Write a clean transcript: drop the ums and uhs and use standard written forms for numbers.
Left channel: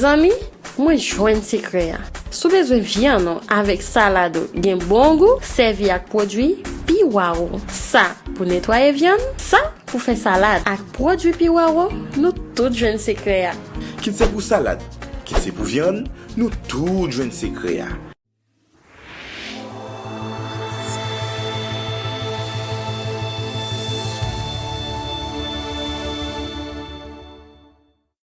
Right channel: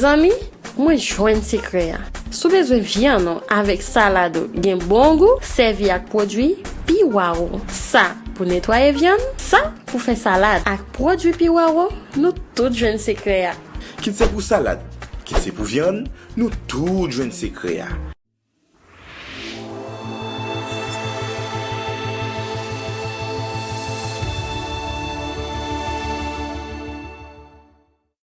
Zami, moi joine secret. Sou besoin viande avec salade gen bon goût, servi avec produit Piwaro. Ça pour nettoyer viande, ça pour faire salade avec produit Piwaro, nous tout joine secret. Qui c'est pour salade, qui c'est pour viande, nous tout joine secret.